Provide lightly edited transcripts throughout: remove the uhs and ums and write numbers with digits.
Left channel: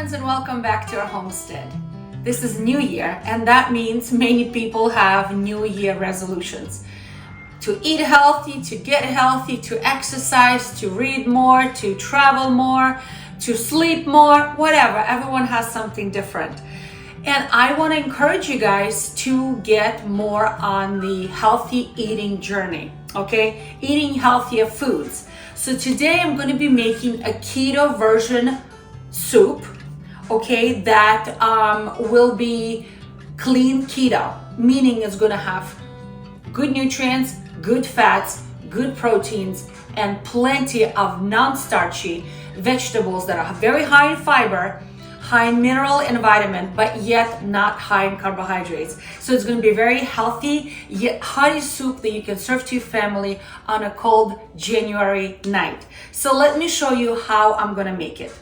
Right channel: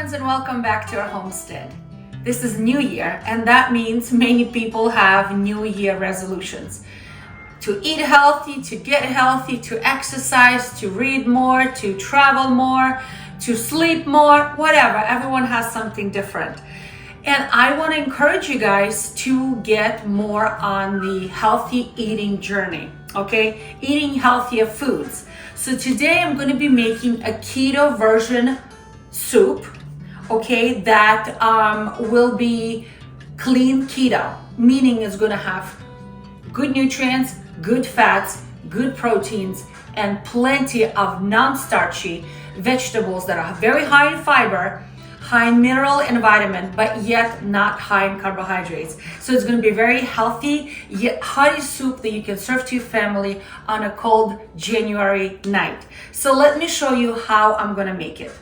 friends, and welcome back to our homestead. This is New Year, and that means many people have New Year resolutions. To eat healthy, to get healthy, to exercise, to read more, to travel more, to sleep more, whatever. Everyone has something different. And I want to encourage you guys to get more on the healthy eating journey, okay? Eating healthier foods. So today I'm going to be making a keto version soup, okay, that will be clean keto, meaning it's going to have good nutrients, good fats, good proteins, and plenty of non-starchy vegetables that are very high in fiber, high in mineral and vitamin, but yet not high in carbohydrates. So it's going to be very healthy yet hearty soup that you can serve to your family on a cold January night. So let me show you how I'm going to make it.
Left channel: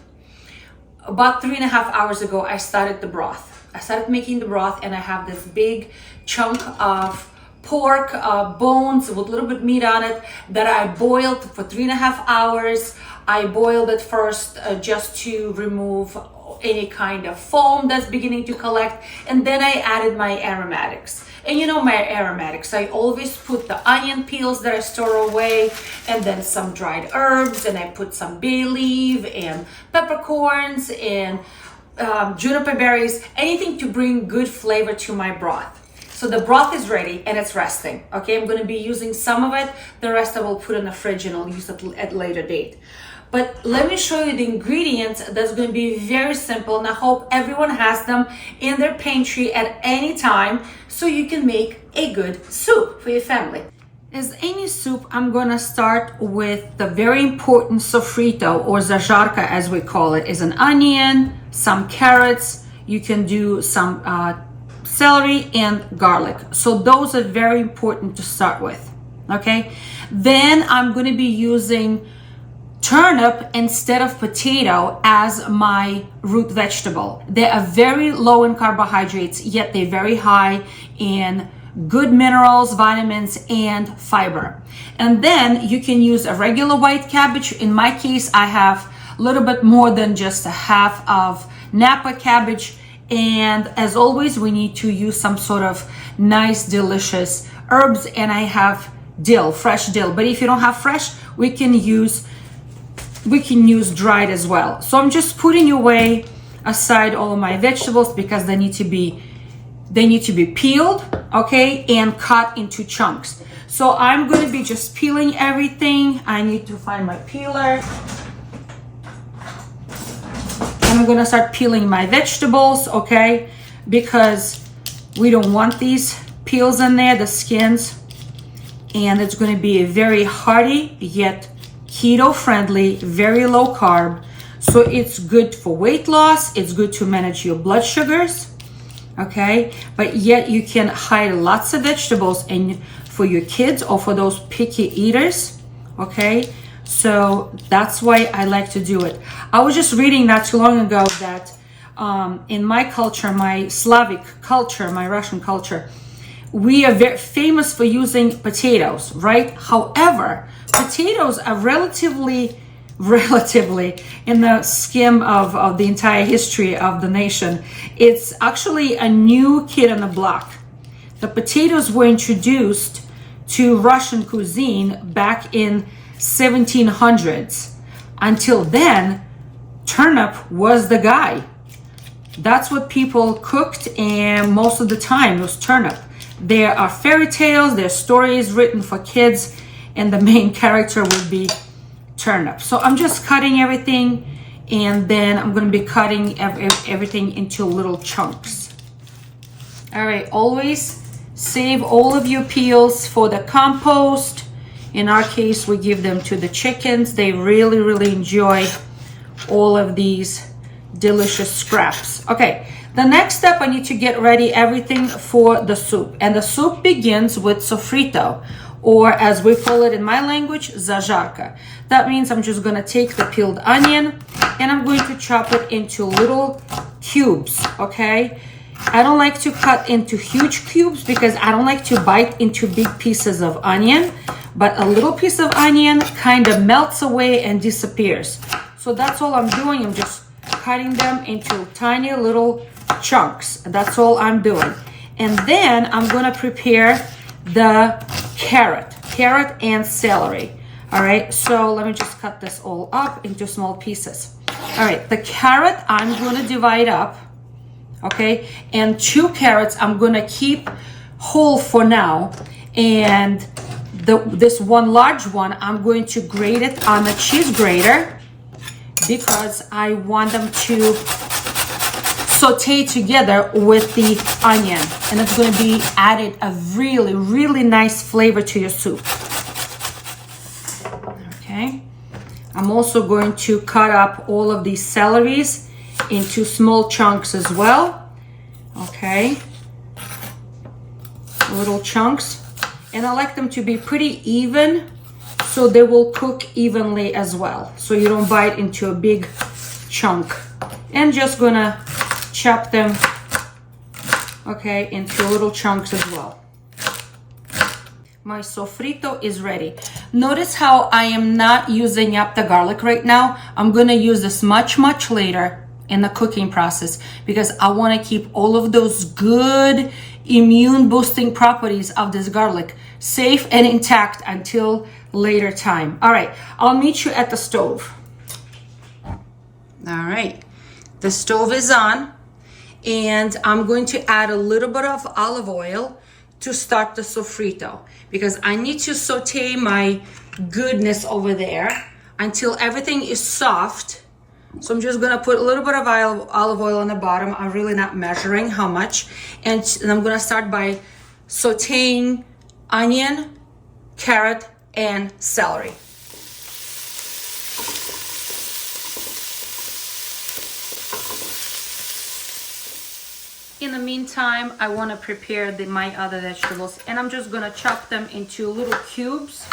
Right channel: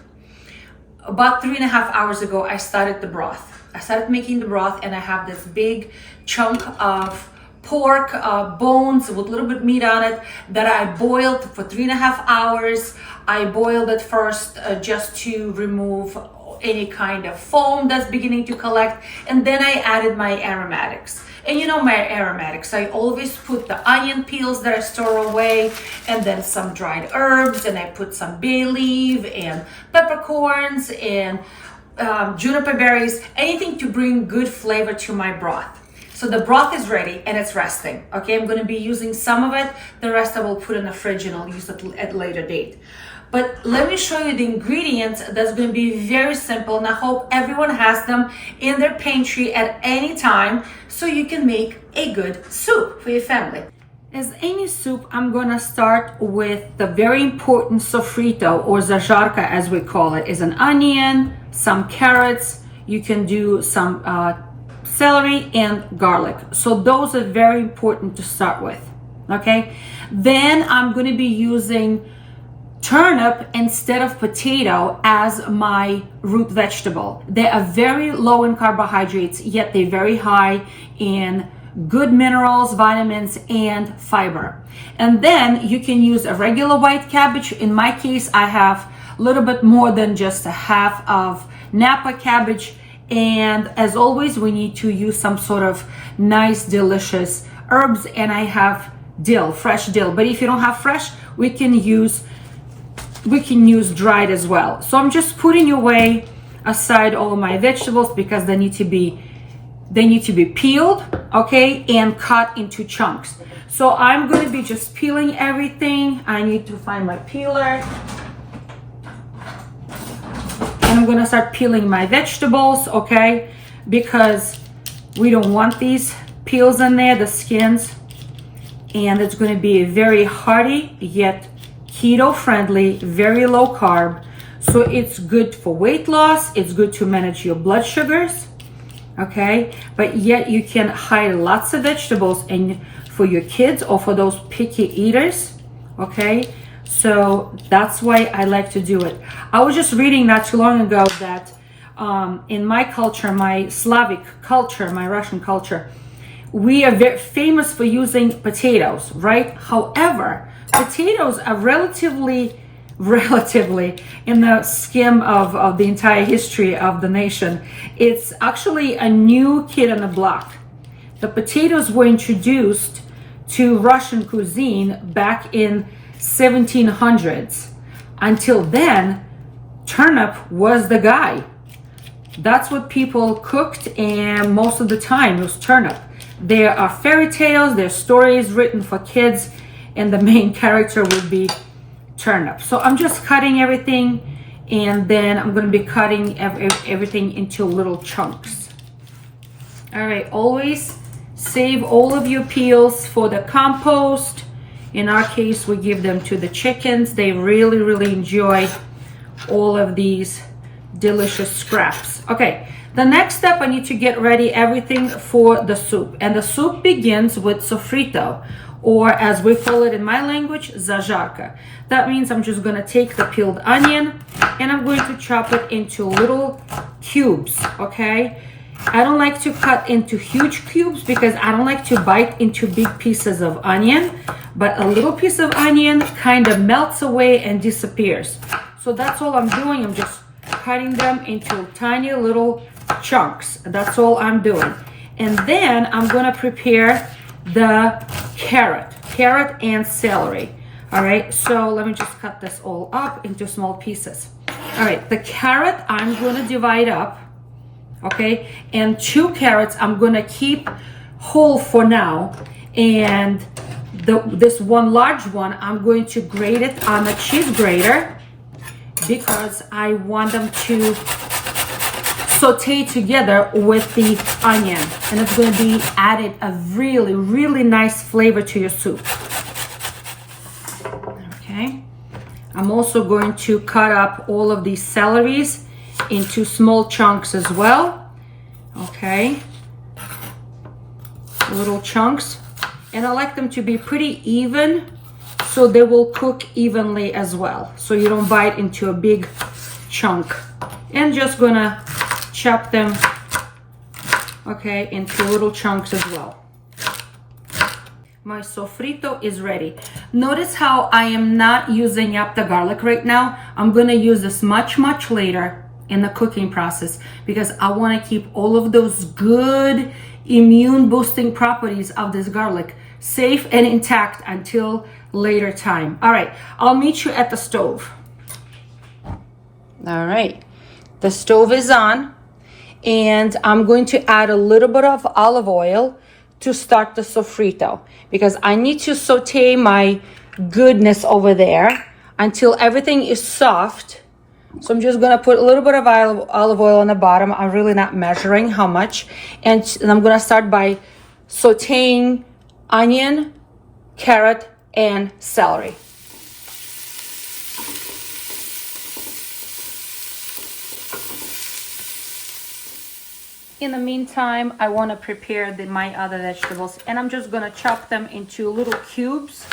About 3.5 hours ago, I started the broth. I started making the broth, and I have this big chunk of pork bones with a little bit meat on it that I boiled for 3.5 hours. I boiled it first just to remove any kind of foam that's beginning to collect, and then I added my aromatics. And you know my aromatics, I always put the onion peels that I store away, and then some dried herbs, and I put some bay leaf and peppercorns and juniper berries, anything to bring good flavor to my broth. So the broth is ready and it's resting. Okay, I'm going to be using some of it. The rest I will put in the fridge and I'll use it at a later date. But let me show you the ingredients. That's going to be very simple, and I hope everyone has them in their pantry at any time so you can make a good soup for your family. As any soup, I'm going to start with the very important sofrito, or zajarka as we call it. Is an onion, some carrots. You can do some celery and garlic. So those are very important to start with. Okay, then I'm going to be using turnip instead of potato as my root vegetable. They are very low in carbohydrates, yet they're very high in good minerals, vitamins, and fiber. And then you can use a regular white cabbage. In my case, I have a little bit more than just a half of Napa cabbage. And as always, we need to use some sort of nice, delicious herbs. And I have dill, fresh dill. But if you don't have fresh, we can use dried as well. So I'm just putting away aside all of my vegetables because they need to be peeled, okay, and cut into chunks. So I'm going to be just peeling everything. I need to find my peeler. And I'm going to start peeling my vegetables, okay, because we don't want these peels in there, the skins. And it's going to be a very hearty yet keto friendly, very low carb. So it's good for weight loss. It's good to manage your blood sugars, okay? But yet you can hide lots of vegetables and for your kids or for those picky eaters, okay? So that's why I like to do it. I was just reading not too long ago that in my culture, my Slavic culture, my Russian culture, we are very famous for using potatoes, right? However, potatoes are relatively in the scheme of the entire history of the nation, it's actually a new kid on the block. The potatoes were introduced to Russian cuisine back in 1700s. Until then, turnip was the guy. That's what people cooked, and most of the time it was turnip. There are fairy tales, there are stories written for kids, and the main character would be turnip. So I'm just cutting everything, and then I'm going to be cutting everything into little chunks. All right, always save all of your peels for the compost. In our case, we give them to the chickens. They really, really enjoy all of these delicious scraps. Okay, the next step, I need to get ready everything for the soup. And the soup begins with sofrito, or as we call it in my language, zajarka. That means I'm just going to take the peeled onion and I'm going to chop it into little cubes, okay? I don't like to cut into huge cubes because I don't like to bite into big pieces of onion, but a little piece of onion kind of melts away and disappears. So that's all I'm doing. I'm just cutting them into tiny little chunks. That's all I'm doing. And then I'm gonna prepare the carrot and celery. All right, so let me just cut this all up into small pieces. All right, the carrot I'm gonna divide up, okay? And 2 carrots I'm gonna keep whole for now. And this one large one, I'm going to grate it on a cheese grater because I want them to saute together with the onion. And it's going to be added a really, really nice flavor to your soup. Okay. I'm also going to cut up all of these celeries into small chunks as well. Okay. Little chunks. And I like them to be pretty even so they will cook evenly as well. So you don't bite into a big chunk. And just gonna chop them, okay, into little chunks as well. My sofrito is ready. Notice how I am not using up the garlic right now. I'm gonna use this much later in the cooking process because I wanna keep all of those good immune boosting properties of this garlic safe and intact until later time. All right, I'll meet you at the stove. All right, the stove is on and I'm going to add a little bit of olive oil to start the sofrito because I need to saute my goodness over there until everything is soft. So I'm just gonna put a little bit of olive oil on the bottom. I'm really not measuring how much. And I'm gonna start by sauteing onion, carrot, and celery. In the meantime, I wanna prepare my other vegetables and I'm just gonna chop them into little cubes.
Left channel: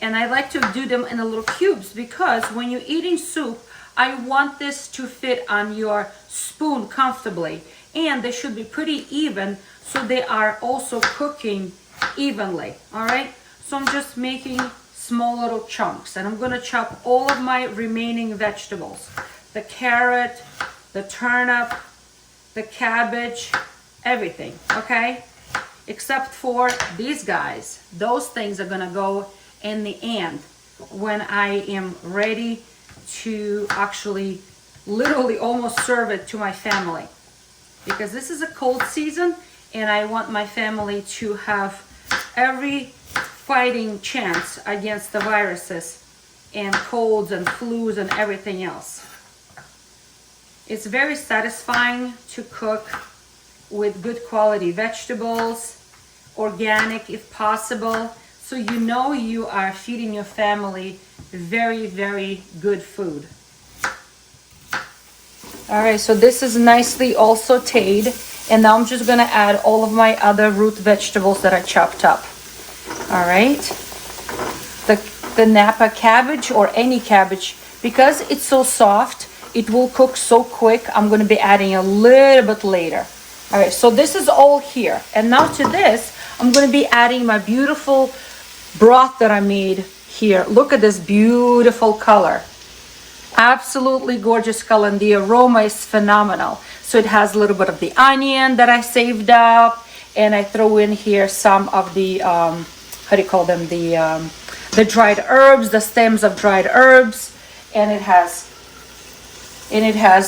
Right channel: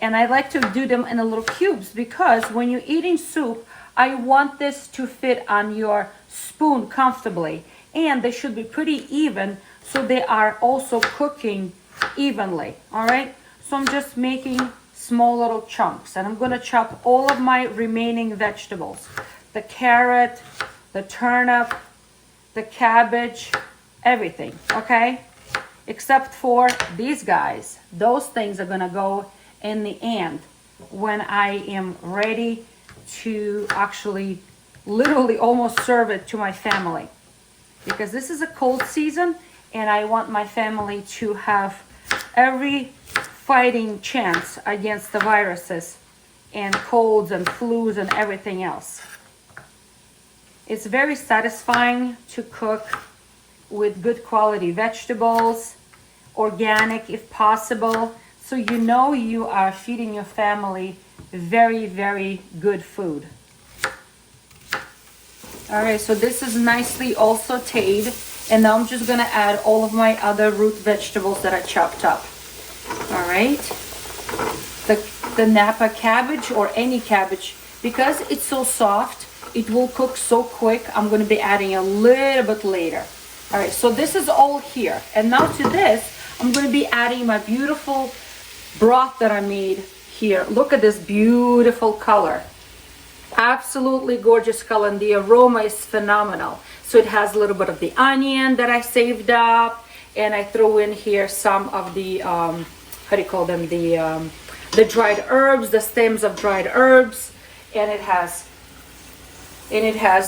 And I like to do them in the little cubes because when you're eating soup, I want this to fit on your spoon comfortably. And they should be pretty even so they are also cooking evenly, all right? So I'm just making small little chunks and I'm gonna chop all of my remaining vegetables. The carrot, the turnip, the cabbage, everything, okay? Except for these guys. Those things are gonna go in the end when I am ready to actually literally almost serve it to my family. Because this is a cold season and I want my family to have every fighting chance against the viruses and colds and flus and everything else. It's very satisfying to cook with good quality vegetables, organic if possible, so you know you are feeding your family very, very good food. All right, so this is nicely all sauteed, and now I'm just gonna add all of my other root vegetables that I chopped up. All right, the Napa cabbage or any cabbage, because it's so soft, it will cook so quick. I'm gonna be adding a little bit later. All right, so this is all here. And now to this, I'm gonna be adding my beautiful broth that I made here. Look at this beautiful color. Absolutely gorgeous color, and the aroma is phenomenal. So it has a little bit of the onion that I saved up, and I throw in here some of the, how do you call them? The dried herbs, the stems of dried herbs, and it has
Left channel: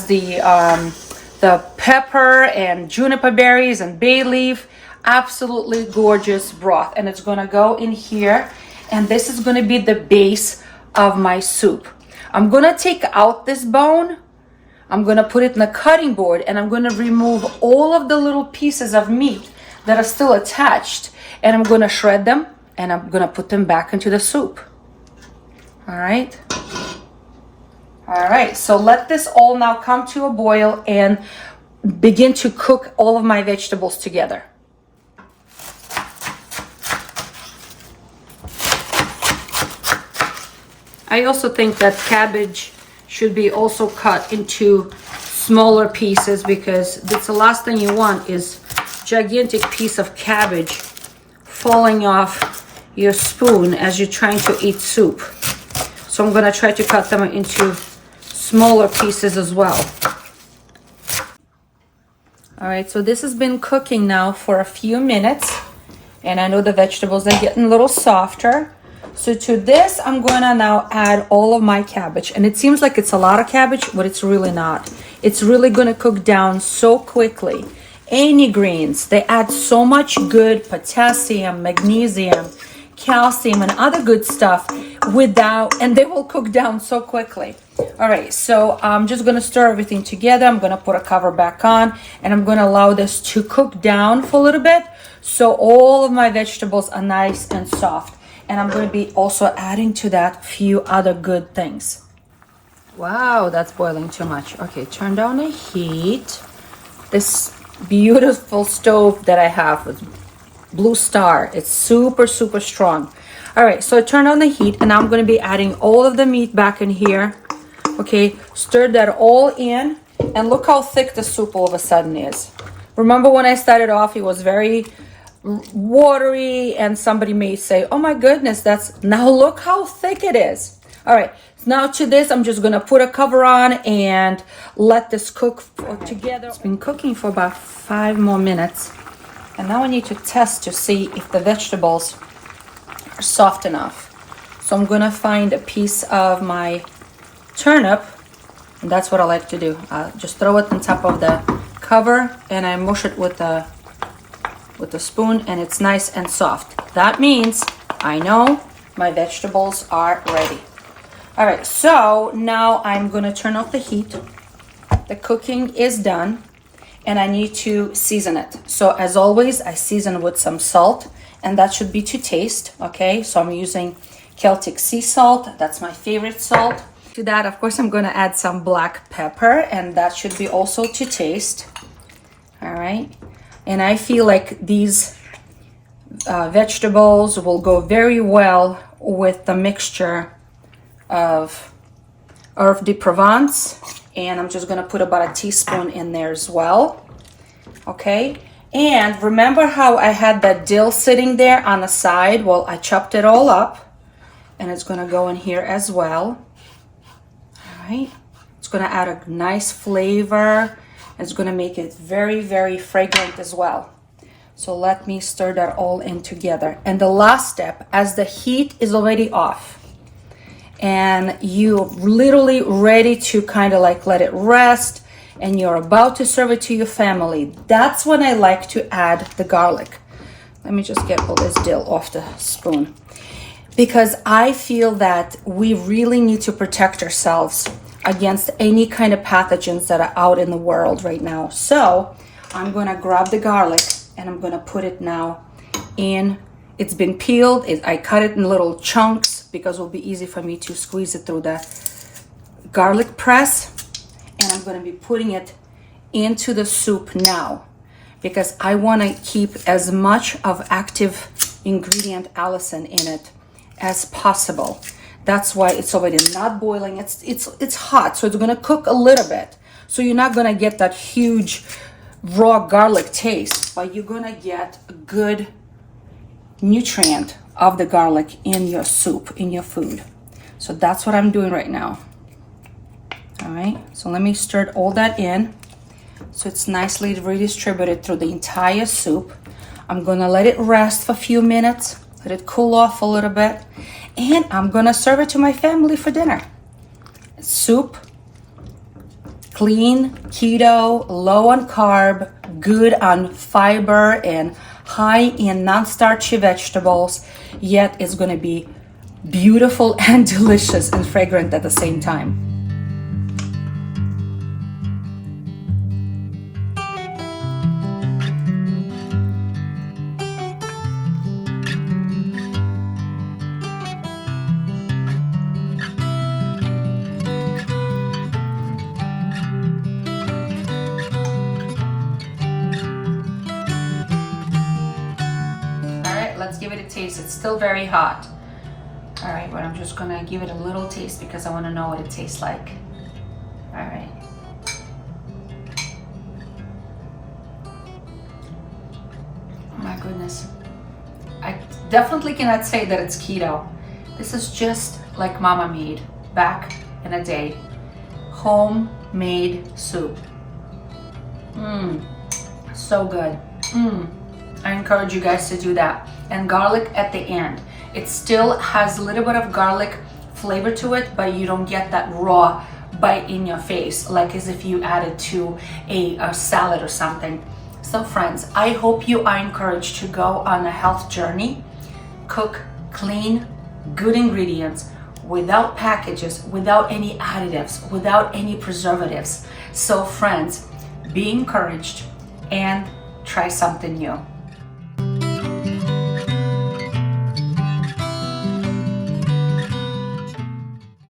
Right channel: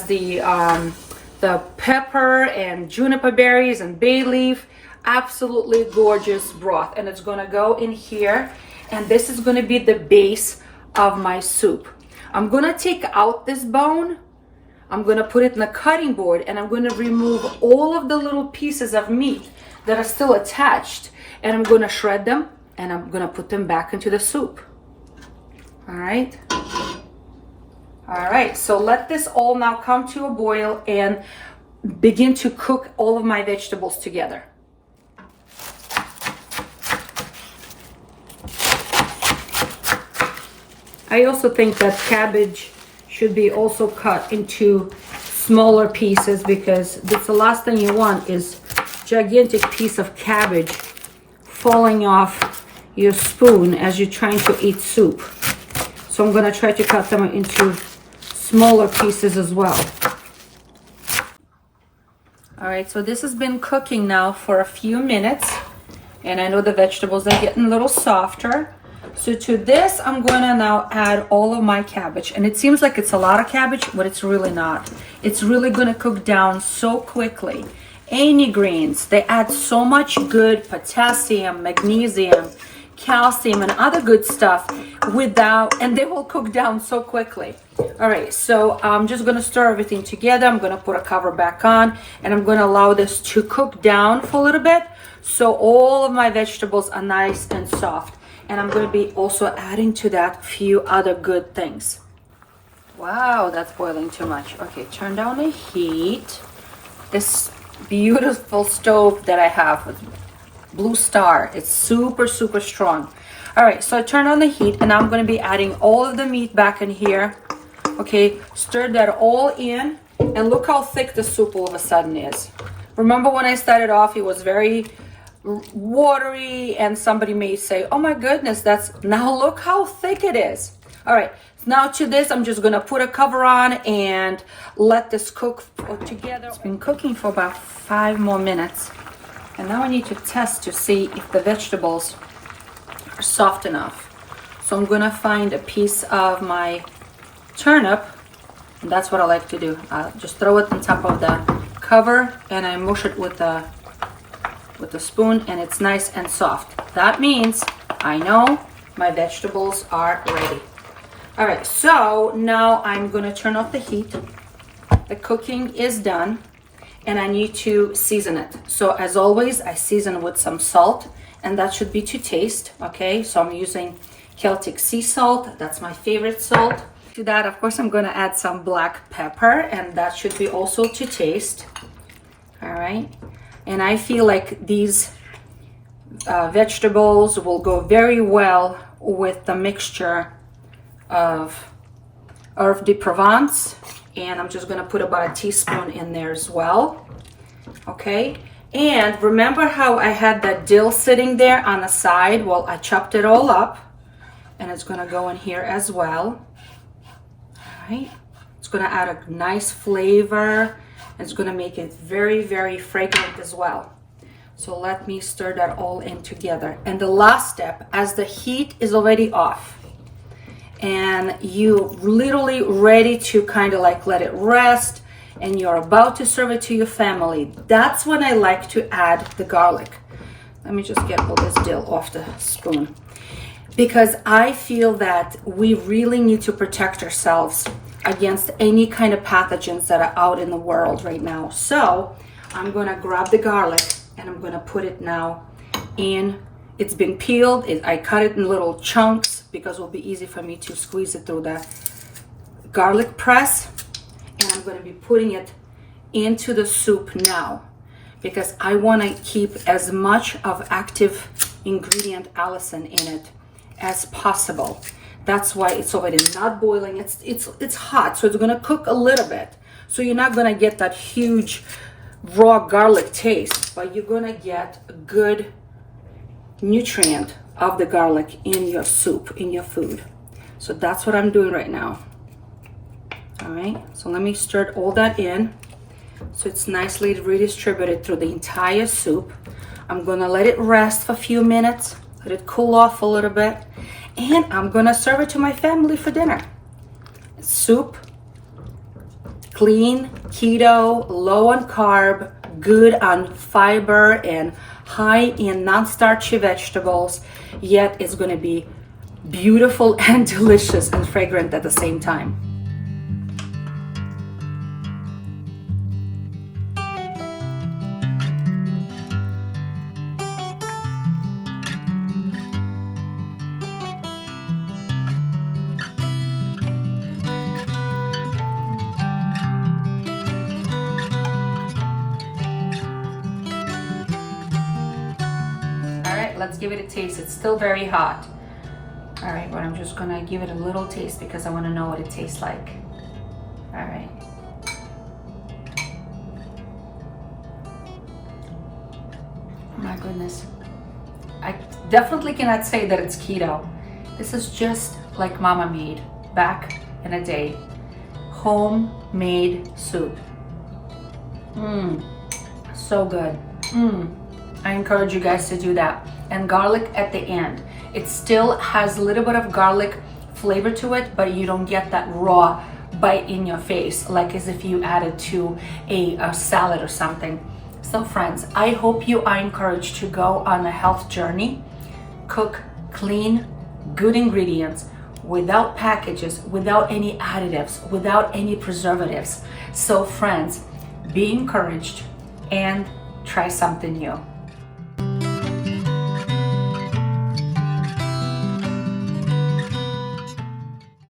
the pepper and juniper berries and bay leaf. Absolutely gorgeous broth, and it's gonna go in here, and this is gonna be the base of my soup. I'm gonna take out this bone, I'm gonna put it in the cutting board, and I'm gonna remove all of the little pieces of meat that are still attached, and I'm gonna shred them, and I'm gonna put them back into the soup. All right. All right, so let this all now come to a boil and begin to cook all of my vegetables together. I also think that cabbage should be also cut into smaller pieces because that's the last thing you want is gigantic piece of cabbage falling off your spoon as you're trying to eat soup. So I'm gonna try to cut them into smaller pieces as well. All right, so this has been cooking now for a few minutes, and I know the vegetables are getting a little softer. So to this, I'm gonna now add all of my cabbage. And it seems like it's a lot of cabbage, but it's really not. It's really gonna cook down so quickly. Any greens, they add so much good potassium, magnesium, calcium, and other good stuff and they will cook down so quickly. All right, so I'm just gonna stir everything together. I'm gonna put a cover back on, and I'm gonna allow this to cook down for a little bit so all of my vegetables are nice and soft. And I'm going to be also adding to that a few other good things. Wow, that's boiling too much. Okay, turn down the heat. This beautiful stove that I have with Blue Star, it's super, super strong. All right, so I turned on the heat, and I'm going to be adding all of the meat back in here. Okay, stir that all in, and look how thick the soup all of a sudden is. Remember when I started off, it was very watery, and somebody may say, oh my goodness, now look how thick it is. All right, now to this, I'm just gonna put a cover on and let this cook together. It's been cooking for about 5 more minutes, and now I need to test to see if the vegetables are soft enough. So I'm gonna find a piece of my turnip, and that's what I like to do. I'll just throw it on top of the cover, and I mush it with the spoon, and it's nice and soft. That means I know my vegetables are ready. All right, so now I'm gonna turn off the heat. The cooking is done, and I need to season it. So as always, I season with some salt, and that should be to taste, okay? So I'm using Celtic sea salt. That's my favorite salt. To that, of course, I'm gonna add some black pepper, and that should be also to taste. All right. And I feel like these vegetables will go very well with the mixture of herb de Provence. And I'm just gonna put about a teaspoon in there as well. Okay, and remember how I had that dill sitting there on the side? Well, I chopped it all up, and it's gonna go in here as well. All right, it's gonna add a nice flavor. It's going to make it very, very fragrant as well. So let me stir that all in together. And the last step, as the heat is already off and you're literally ready to kind of like let it rest, and you're about to serve it to your family, that's when I like to add the garlic. Let me just get all this dill off the spoon, because I feel that we really need to protect ourselves against any kind of pathogens that are out in the world right now. So I'm gonna grab the garlic, and I'm gonna put it now in. It's been peeled. I cut it in little chunks because it will be easy for me to squeeze it through the garlic press. And I'm gonna be putting it into the soup now, because I wanna keep as much of active ingredient allicin in it as possible. That's why it's already not boiling. It's hot, so it's gonna cook a little bit. So you're not gonna get that huge raw garlic taste, but you're gonna get a good nutrient of the garlic in your soup, in your food. So that's what I'm doing right now. All right, so let me stir all that in so it's nicely redistributed through the entire soup. I'm gonna let it rest for a few minutes, let it cool off a little bit, and I'm gonna serve it to my family for dinner. Soup, clean, keto, low on carb, good on fiber, and high in non-starchy vegetables, yet it's gonna be beautiful and delicious and fragrant at the same time. Let's give it a taste. It's still very hot. All right, but I'm just gonna give it a little taste because I wanna know what it tastes like. All right. Oh my goodness. I definitely cannot say that it's keto. This is just like Mama made back in a day. homemade soup. So good. I encourage you guys to do that. And garlic at the end. It still has a little bit of garlic flavor to it, but you don't get that raw bite in your face like as if you added to a salad or something. So friends, I hope you are encouraged to go on a health journey. Cook clean, good ingredients, without packages, without any additives, without any preservatives. So friends, be encouraged and try something new.